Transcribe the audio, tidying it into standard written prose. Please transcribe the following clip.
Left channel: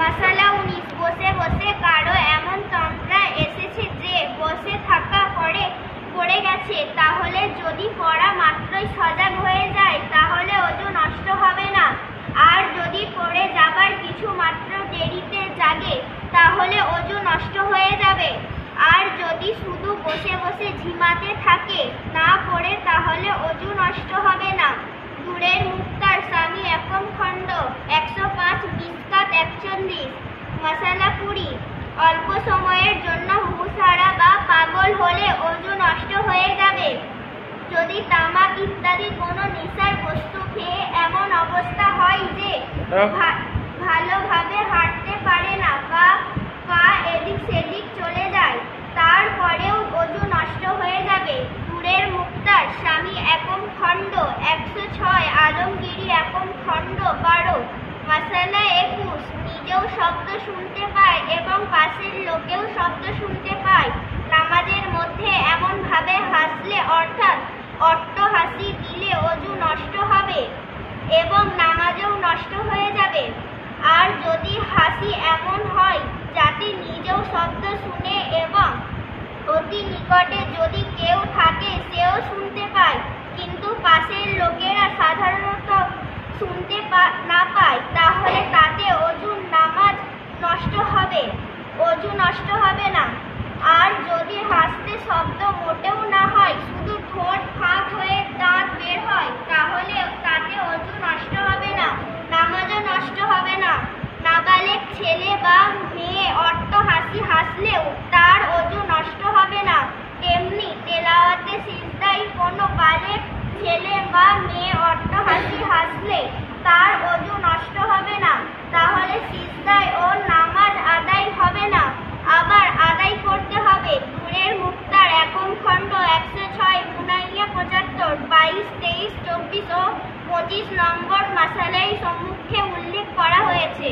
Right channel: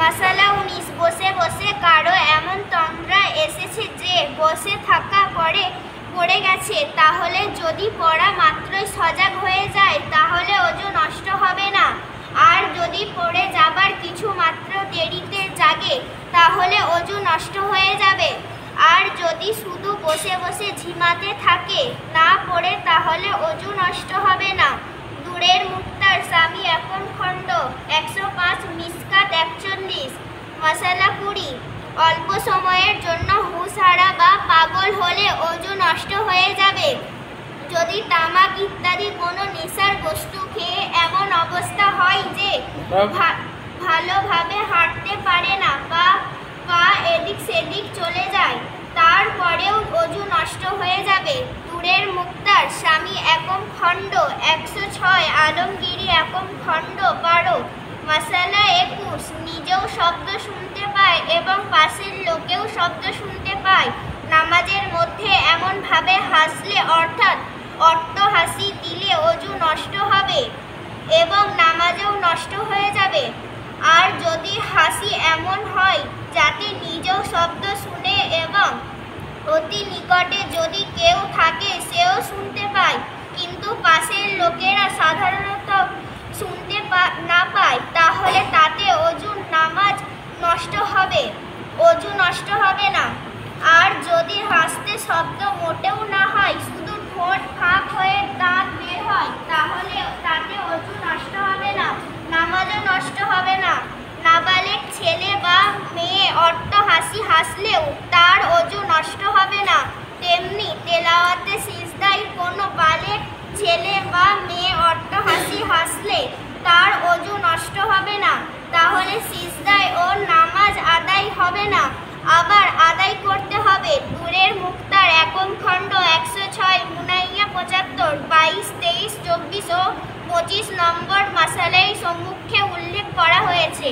মাসালা 19 বসে বসে কারো এমন তন্দ্রা এসেছে যে বসে থাকা পড়ে গেছে, তাহলে যদি পড়া মাত্রই সজাগ হয়ে যায় তাহলে অজু নষ্ট হবে না। আর যদি পড়ে যাবার কিছু মাত্র দেরিতে জাগে তাহলে অজু নষ্ট হয়ে যাবে। আর যদি শুধু বসে বসে ঝিমাতে থাকে না পড়ে তাহলে অজু নষ্ট হবে না। দূরের মুক্তার স্বামী একম খণ্ড 105 মিসকাত 41। মাসালা 20 অল্প সময়ের জন্য হুঁশ হারা বা পাগল হলে অজু নষ্ট হয়ে যাবে। যদি তামাক ইত্যাদি কোনো নেশার বস্তু খেয়ে এমন অবস্থা হয় যে ভালোভাবে হাঁটতে পারে না বা পা এদিক সেদিক চলে যায়, তারপরেও অজু নষ্ট হয়ে যাবে। দূরের মুক্তার স্বামী একম খণ্ড 106 আলমগীরি একম খণ্ড 12। মাসালা 21 নিজেও শব্দ শুনতে পায় এবং পাশের লোকেও শব্দ শুনতে পায়। নামাজের মধ্যে এমন ভাবে হাসলে অর্থাৎ অট্টহাসি দিলে অজু নষ্ট হবে এবং নামাজেও নষ্ট হয়ে যাবে। আর যদি হাসি এমন হয় যাতে নিজেও শব্দ শুনে এবং অতি নিকটে যদি কেউ থাকে সেও শুনতে পায়, কিন্তু পাশের লোকেরা সাধারণত শুনতে না পায়, তাহলে তাতে নামাজ নষ্ট হবে, অজু নষ্ট হবে না। আর যদি হাসতে শব্দ মোটেও না হয়, শুধু ঠোঁট ফাঁক হয়ে দাঁত বের হয়, তাহলে তাতে অজু নষ্ট হবে না, নামাজও নষ্ট হবে না। নাবালেগ ছেলে বা মেয়ে অট্টহাসি হাসলেও তার অজু নষ্ট হবে না। তেমনি তেলাওয়াতে সিজদায় কোনো বালেগ ছেলে বা মেয়ে অট্টহাসি হাসলে তার অজু নষ্ট হবে না, তাহলে সিজদায় ও নামাজ আদায় হবে না, আবার আদায় করতে হবে। দূরের মুক্তার একম খণ্ড 106 মুনাইয়া 75 22, 23, 24 ও 25 নম্বর মাসালায় সম্মুখে উল্লেখ করা হয়েছে।